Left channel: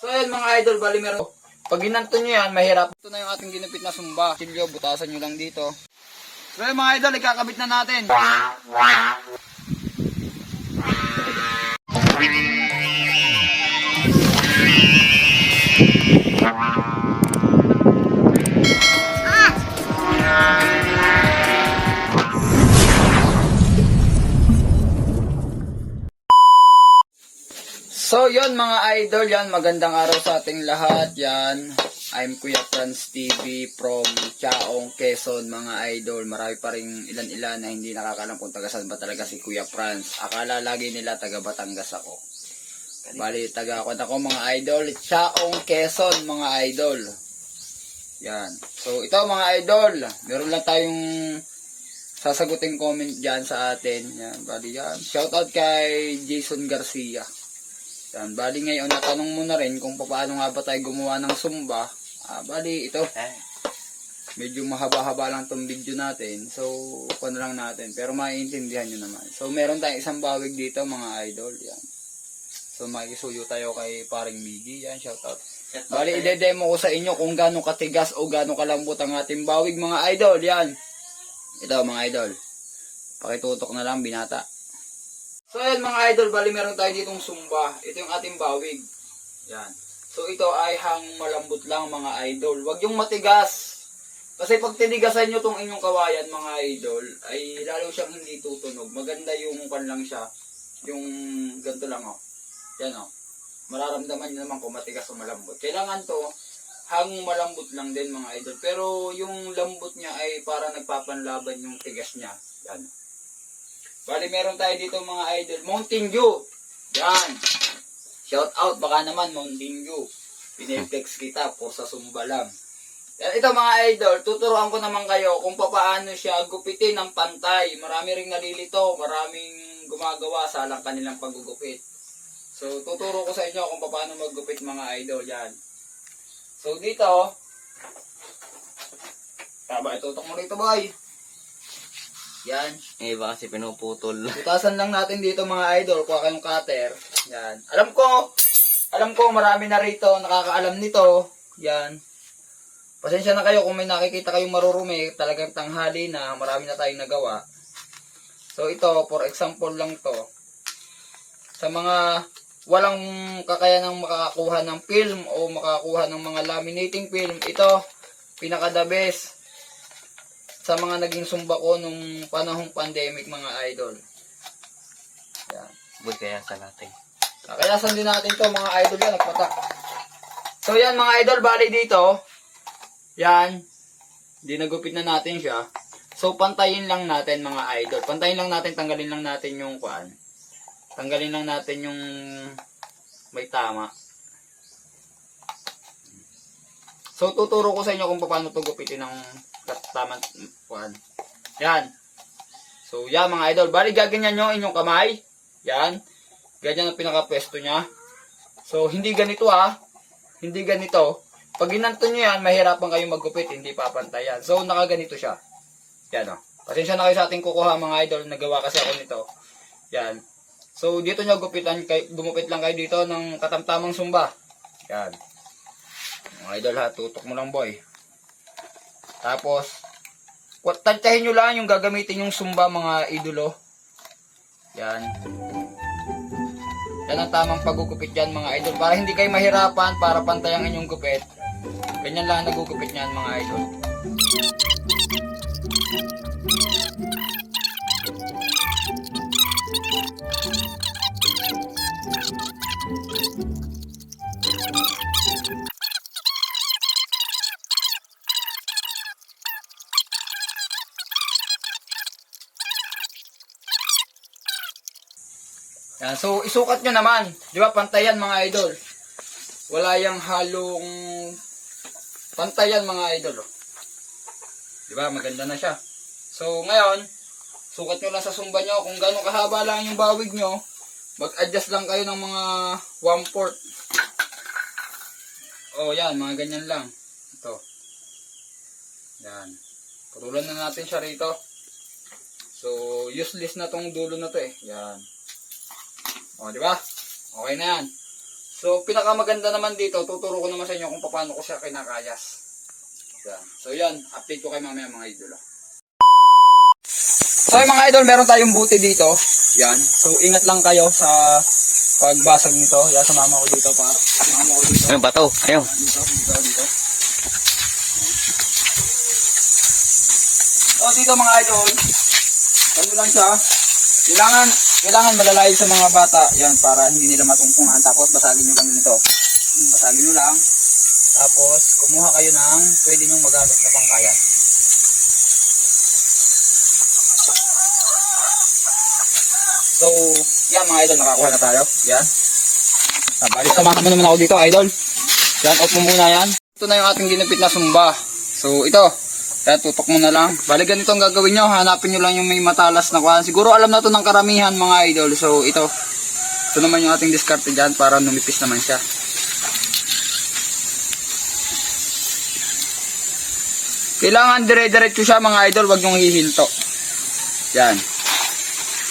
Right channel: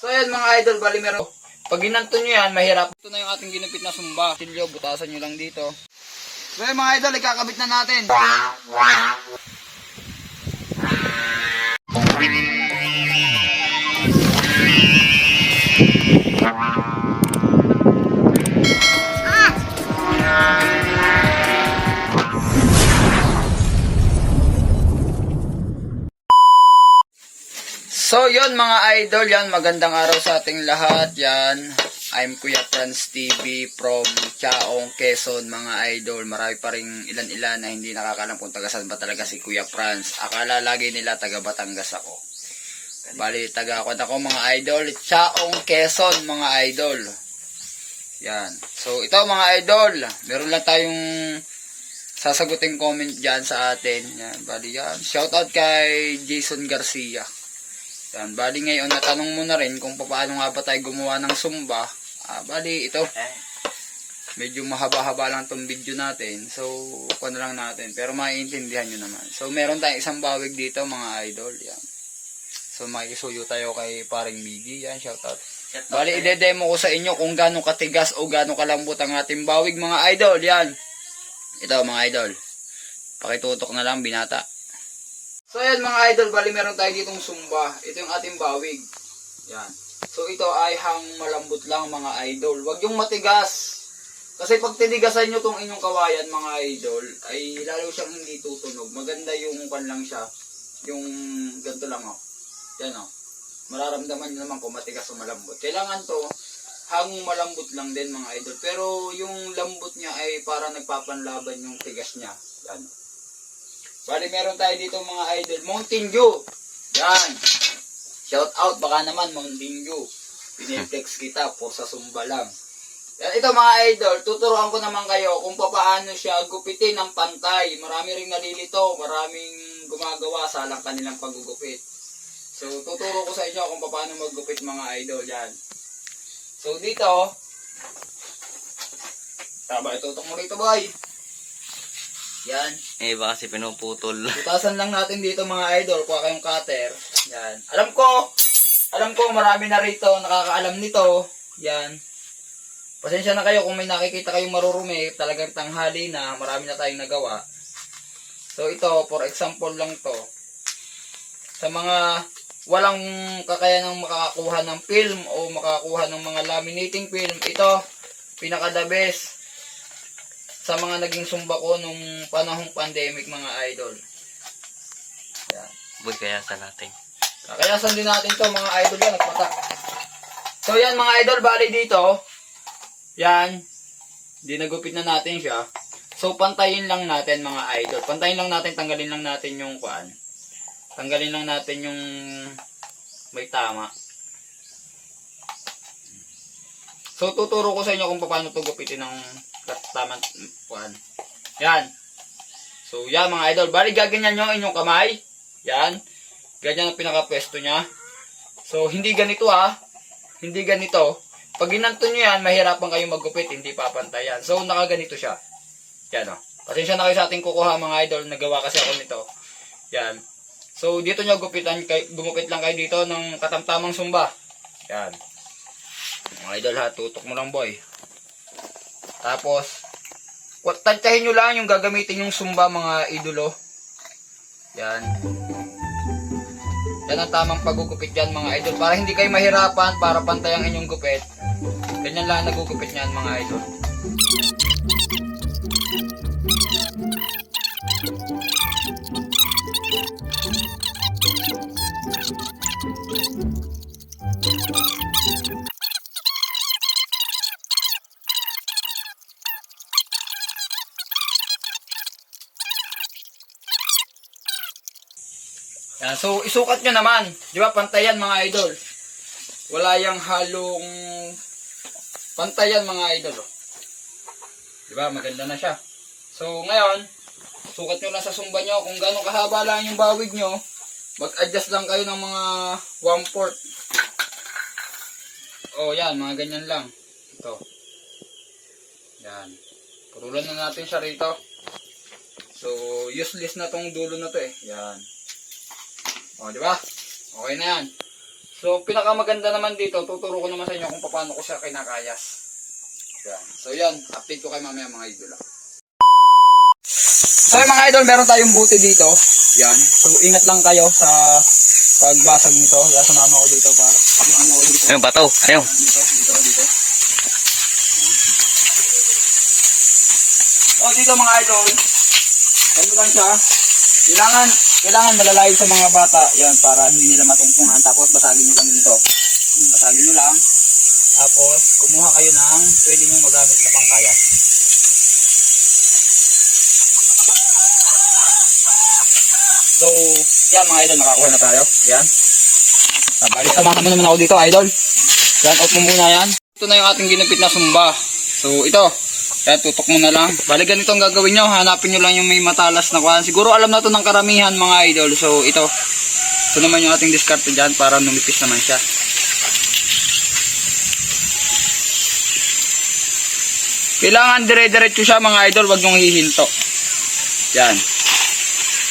So ayan mga idol, bali meron. Pag ginanto nyo yan, mahirap. Ito na yung ating ginupit na sumba. Silyo, butasan nyo lang dito. So ayan mga idol, ikakabit na natin. So yon mga idol, yan magandang araw sa ating lahat. Yan, I'm Kuya Franz TV from Chaong, Quezon mga idol. Marami pa rin ilan-ilan na hindi nakakalam kung taga saan ba talaga si Kuya Franz. Akala lagi nila taga Batangas ako. Bali, taga ako ako mga idol. Chaong, Quezon mga idol. Yan. So ito mga idol, meron lang tayong sasaguting comment dyan sa atin. Yan, bali yan. Shoutout kay Jason Garcia. Yan, bali ngayon natanong mo na rin kung paano nga ba tayo gumawa ng sumba. Ah, bali ito. Medyo mahaba-haba lang tong video natin. So, kuha na lang natin. Pero maiintindihan nyo naman. So, meron tayong isang bawig dito mga idol. Yan. So, makikisuyo tayo kay paring Miggy. Yan, shoutout. Bali, ide-demo ko sa inyo kung gaano katigas o gaano kalambot ang ating bawig mga idol. Yan. Ito mga idol. Pakitutok na lang binata. So ayan mga idol, bali meron tayo ditong sumba. Ito yung ating bawig. Yan. So ito ay hang malambot lang mga idol. Huwag yung matigas. Kasi pag tinigasan nyo tong inyong kawayan mga idol, ay lalo siyang hindi tutunog. Maganda yung pan lang siya. Yung ganito lang oh. Yan oh. Mararamdaman nyo naman kung matigas o malambot. Kailangan to hang malambot lang din mga idol. Pero yung lambot niya ay para nagpapanlaban yung tigas niya. Yan. Bali, meron tayo dito mga idol. Mountain Dew. Yan. Shout out. Baka naman Mountain Dew. Piniplex kita po sa sumba lang. Ito mga idol, tuturuan ko naman kayo kung paano siya gupitin ng pantay. Marami ring nalilito, maraming gumagawa sa lang kanilang paggugupit. So, tuturo ko sa inyo kung paano maggupit mga idol. Yan. So, dito, tama, itutok mo rito, boy. Yan. Eh, iba kasi pinuputol. Butasan lang natin dito mga idol, kuha kayong cutter. Yan. Alam ko, alam ko marami na rito nakakaalam nito. Yan. Pasensya na kayo kung may nakikita kayong marurumi, talagang tanghali na, marami na tayong nagawa. So ito, for example lang to. Sa mga walang kakayanang makakakuha ng film o makakakuha ng mga laminating film, ito, pinaka the best sa mga naging sumba ko nung panahong pandemic mga idol. Yan. Boy, kaya sa natin. Kakayasan din natin to mga idol yan, nagpatak. So yan mga idol, bali dito. Yan. Dinagupit na natin siya. So pantayin lang natin mga idol. Pantayin lang natin, tanggalin lang natin yung kuan. Tanggalin lang natin yung may tama. So tuturo ko sa inyo kung paano to gupitin ng tamang kuan. Yan. So yan mga idol, bali gaganyan nyo inyong kamay. Yan. Ganyan ang pinaka-pwesto niya. So, hindi ganito ha. Hindi ganito. Pag ginanto nyo yan, mahirapan kayong maggupit. Hindi papantayan. So, nakaganito siya. Yan o. Pasensya na kayo sa ating kukuha mga idol. Nagawa kasi ako nito. Yan. So, dito nyo gupitan. Kay, gumupit lang kayo dito ng katamtamang sumba. Yan. Mga idol ha. Tutok mo lang boy. Tapos, tantyahin nyo lang yung gagamitin yung sumba mga idolo. Yan. Yan ang tamang pagugupit dyan mga idol. Para hindi kayo mahirapan, para pantay ang inyong gupit. Ganyan lang nagugupit niyan mga idol. So, isukat nyo naman. Di ba, pantayan mga idol. Wala yung halong pantayan mga idol. oh. Di ba, maganda na siya. So, ngayon, sukat nyo lang sa sumba nyo kung gaano kahaba lang yung bawig nyo. Mag-adjust lang kayo ng mga 1-4. Oh, yan, mga ganyan lang. Ito. Yan. Purulan na natin siya rito. So, useless na tong dulo na to eh. Yan. O, di ba? Okay na yan. So, pinakamaganda naman dito, tuturo ko naman sa inyo kung paano ko siya kinakayas. Yan. So, yan. Update ko kayo mamaya mga idol. Ah. So, yung mga idol, meron tayong buti dito. Yan. So, ingat lang kayo sa pagbasag nito. Yan, sumama ko dito pa. Sumama ko dito. Ayun, bato. Ayun. Dito, dito, dito. O, dito mga idol. Ano lang siya. Kailangan kailangan malalayo sa mga bata, yan, para hindi nila matumpungan. Tapos basagin nyo lang nito. Basagin nyo lang. Tapos, kumuha kayo ng pwede nyo magamit na pangkayat. So, yan mga idol, nakakuha na tayo. Yan. Balik, samahan mo naman ako dito, idol. Yan, off muna yan. Ito na yung ating ginapit na sumba. So, ito. Kaya tutok mo na lang. Bali ganito ang gagawin nyo. Hanapin nyo lang yung may matalas na kuhan. Siguro alam na to ng karamihan mga idol. So ito. Ito naman yung ating discarte dyan para numipis naman siya. Kailangan dire-diretso siya mga idol. Huwag nyong hihinto. Yan.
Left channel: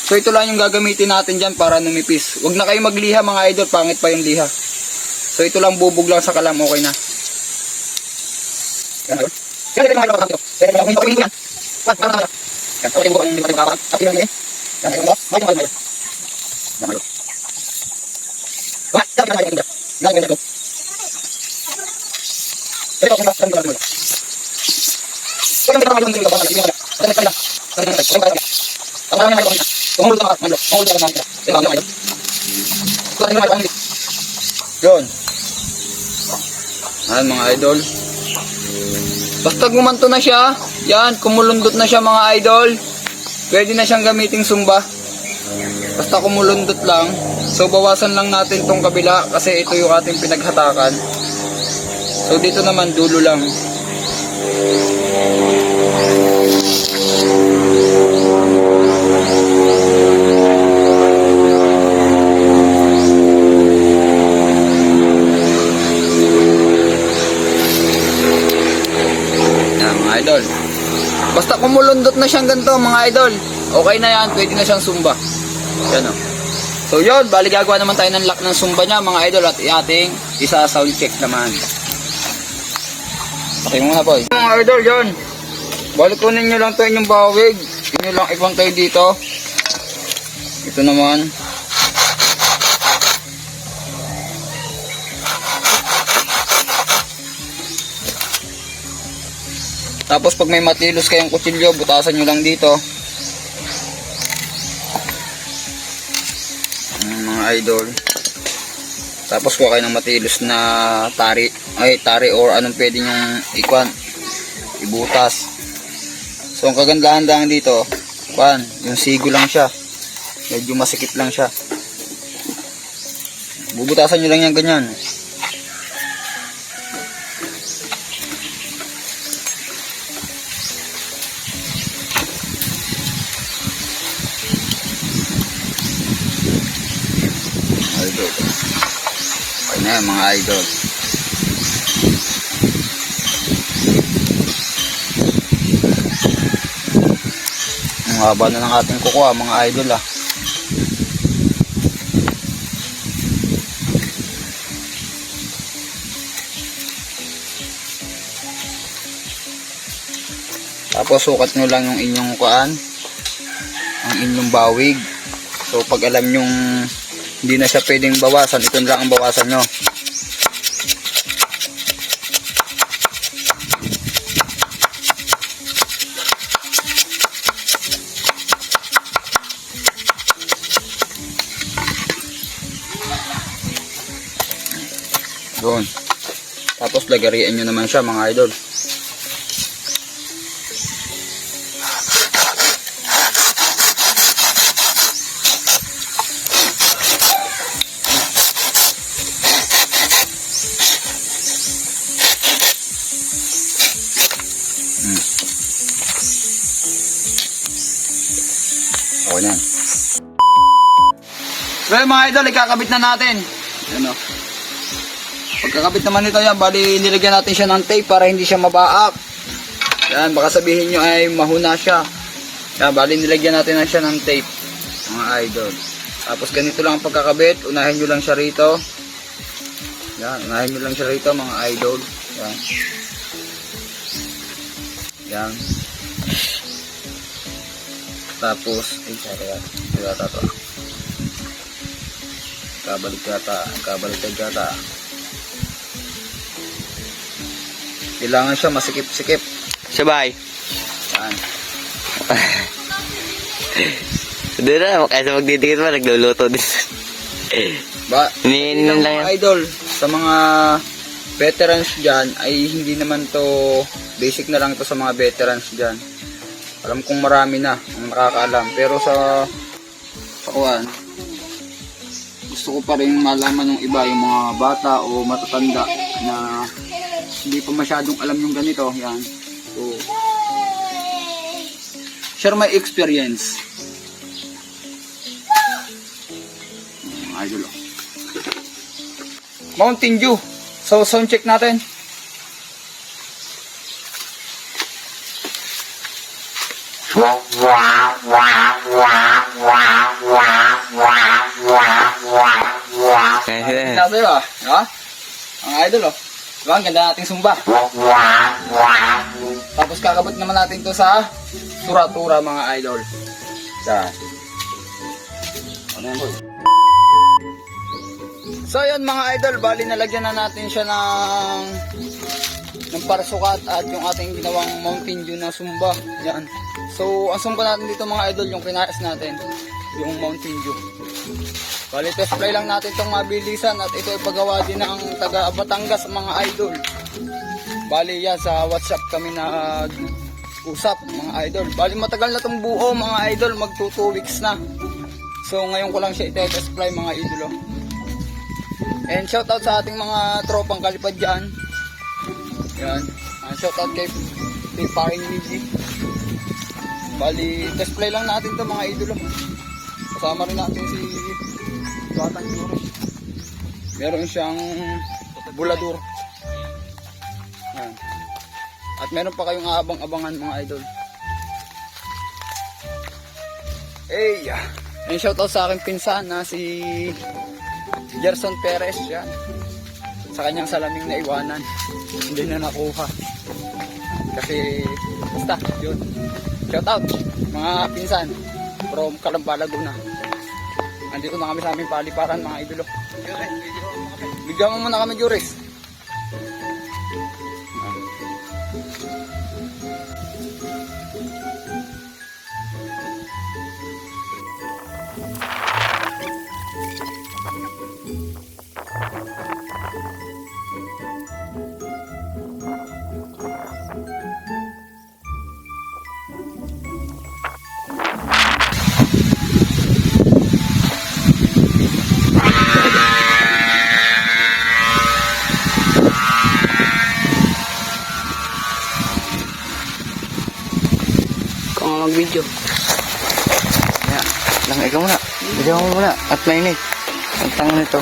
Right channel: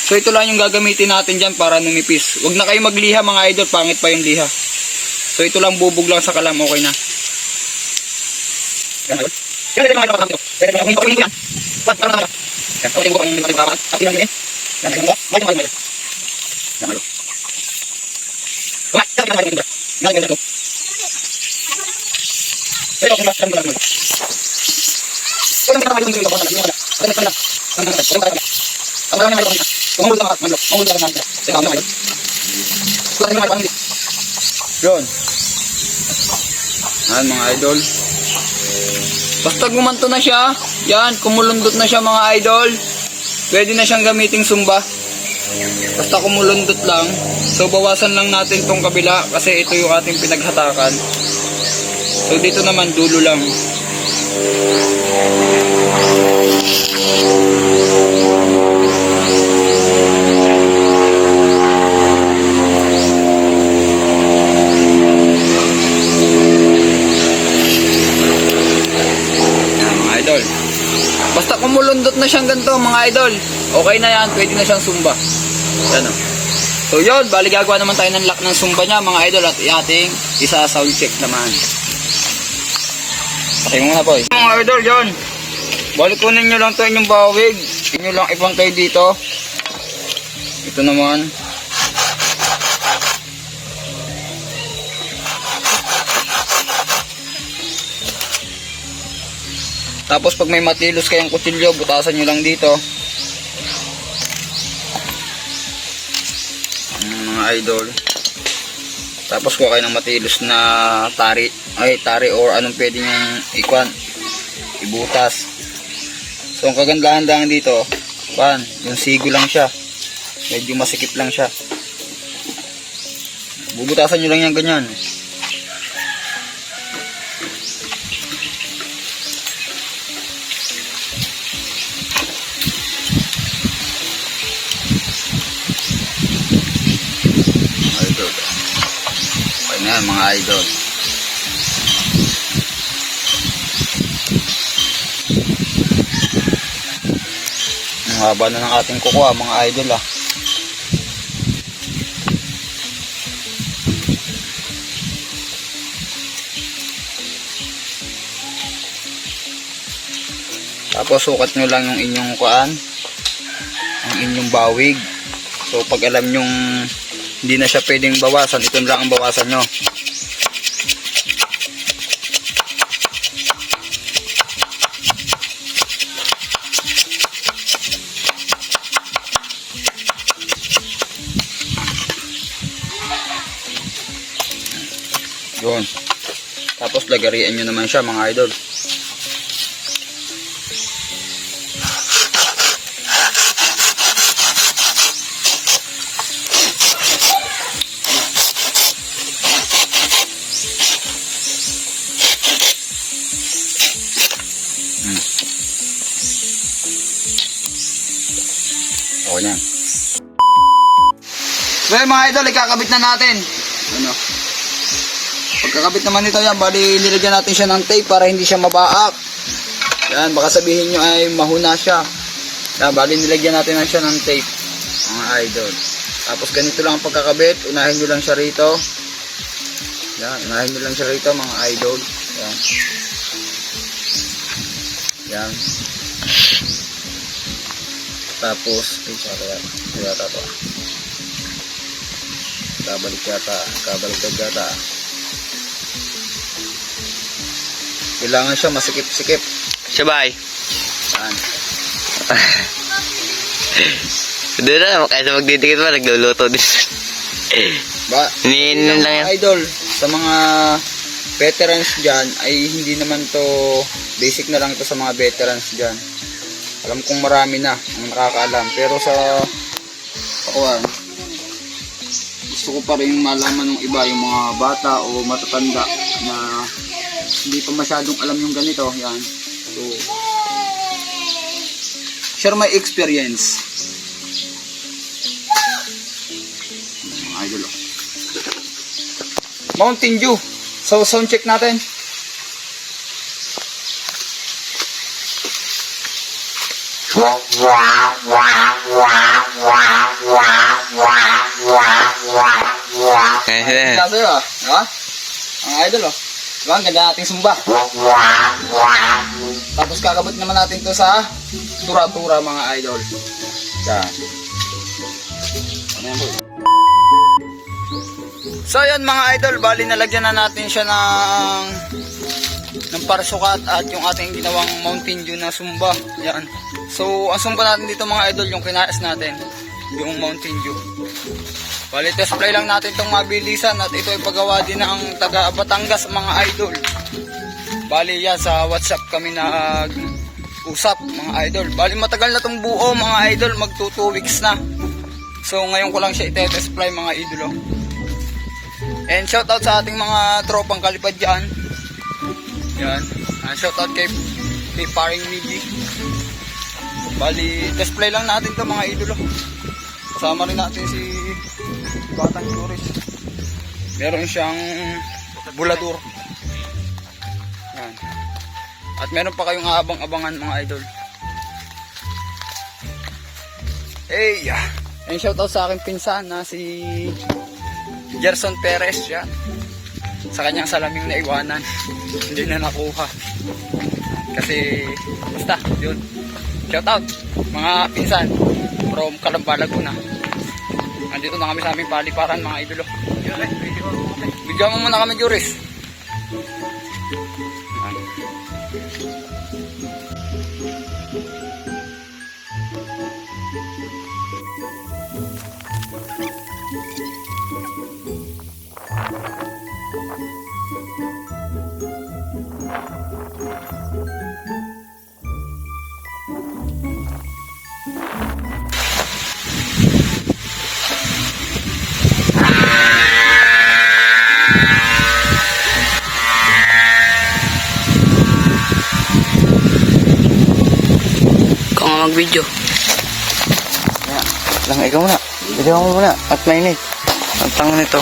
So ito lang yung gagamitin natin dyan para numipis. Huwag na kayo magliha mga idol. Pangit pa yung liha. So ito lang bubog lang sa kalam. Okay na. Yun. Ayan mga idol. Basta gumanto na siya. Yan, kumulundot na siya mga idol. Pwede na siyang gamiting sumba. Basta kumulundot lang. So bawasan lang natin tong kabila kasi ito yung ating pinaghatakan. So dito naman dulo lang. Basta kumulundot na siyang ganito mga idol. Okay na yan, pwede na siyang sumba. Yan o. So yun, bali gagawa naman tayo ng lock ng sumba niya mga idol at ating isa sound check naman. Okay muna po. Mga idol, yun. Bali kunin nyo lang to inyong bawig. Inyo lang ibang kayo dito. Ito naman. Tapos pag may matilos kayong kutsilyo, butasan nyo lang dito. Mm, mga idol. Tapos kuha kayo ng matilos na tari, ay tari or anong pwede nyo ikwan, ibutas. So ang kagandahan lang dito, kwan, yung sigo lang siya. Medyo masikip lang siya. Bubutasan nyo lang yan ganyan. Idol. Ayun na mga idol. Ang haba na ng ating kukuha mga idol ah. Tapos sukat nyo lang yung inyong kuan, ang inyong bawig. So pag alam nyong hindi na siya pwedeng bawasan, ito lang ang bawasan nyo. Doon. Tapos lagarian nyo naman siya mga idol. Okay na. Well mga idol, ikakabit na natin. Ano? Pagkakabit naman nito yan, bali nilagyan natin siya ng tape para hindi siya mabaak. Yan, baka sabihin nyo ay mahuna siya. Yan, bali nilagyan natin na siya ng tape. Mga idol. Tapos ganito lang ang pagkakabit, unahin nyo lang siya rito. Yan, unahin nyo lang siya rito mga idol. Yan. Yan. Tapos, ay, sorry yan. Hindi yata to. ah. Kabalik yata. Kabalik yata. Kailangan siya masikip-sikip. Sabay. Yan. Doon na, kaysa magdidikit pa, nagluluto din. Ba, Hinihinan lang yan. idol, sa mga veterans dyan, ay hindi naman to basic na lang to sa mga veterans dyan. Alam kong marami na ang nakakaalam. Pero sa pakuan, gusto ko pa rin malaman ng iba, yung mga bata o matatanda na hindi pa masyadong alam yung ganito. Yan. So, share my experience. Idol, oh. Mountain Dew. So, sound check natin. Eh, Sabi ba? Ha? Ang idol oh. Diba? Ang ganda nating sumba. Tapos kakabot naman natin to sa tura-tura mga idol. Yan. Ano yan? So yan mga idol, bali nalagyan na natin siya ng ng parasukat at yung ating ginawang Mountain Dew na sumba. Yan. So ang sumba natin dito mga idol, yung kinaas natin, yung Mountain Dew. Bali, test play lang natin itong mabilisan at ito ay paggawa din ng taga Batangas mga idol. Bali yan, sa WhatsApp kami nag usap mga idol. Bali matagal na itong buo mga idol, mag 2 weeks na. So ngayon ko lang siya ite-test play mga idolo. And shoutout sa ating mga tropang kalipad dyan. Yan. Uh, shoutout kay, kay paring Miggy. Bali, test play lang natin to mga idolo. Kasama rin natin si Batang Juris. Meron siyang bulador. Yan. At meron pa kayong aabang-abangan mga idol. Hey! And shoutout sa aking pinsan na si Gerson Perez. Yan. Sa kanyang salaming na iwanan. Hindi na nakuha. Kasi, basta, yun. Shoutout, mga pinsan from Calamba, Laguna. Andito na kami sa aming paliparan mga idolo. Bigyan mo muna kami, Juris. Muna. Ikaw mo muna. At line Ang tanga nito.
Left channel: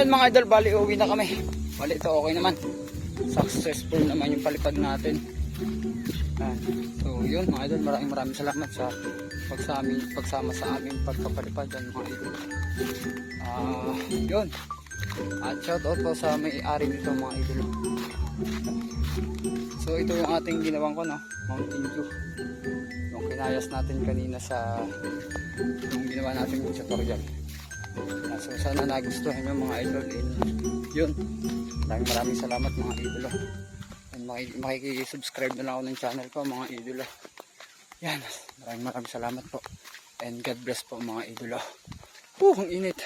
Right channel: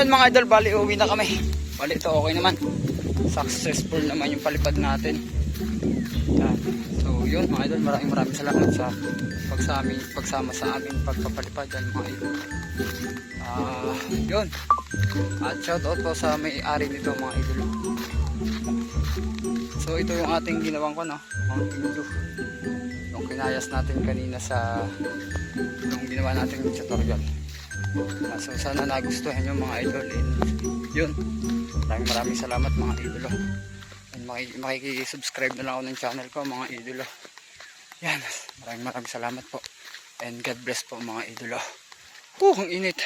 Ayun mga idol, bali uwi na kami. Bali ito okay naman. Successful naman yung palipad natin. Yan. So yun mga idol, maraming maraming salamat sa pagsama, pagsama sa amin pagpapalipad yan mga idol. Ah, yun. At shout out po sa may-ari nito mga idol. So ito yung ating ginawang ko no, Mountain Dew. Yung kinayas natin kanina sa yung ginawa natin tutorial. So sana nagustuhan nyo mga idol and yun. Maraming maraming salamat mga idolo. And maki- makikisubscribe na lang ako ng channel ko mga idolo. Yan. Maraming maraming salamat po. And God bless po mga idolo. Uh, ang init.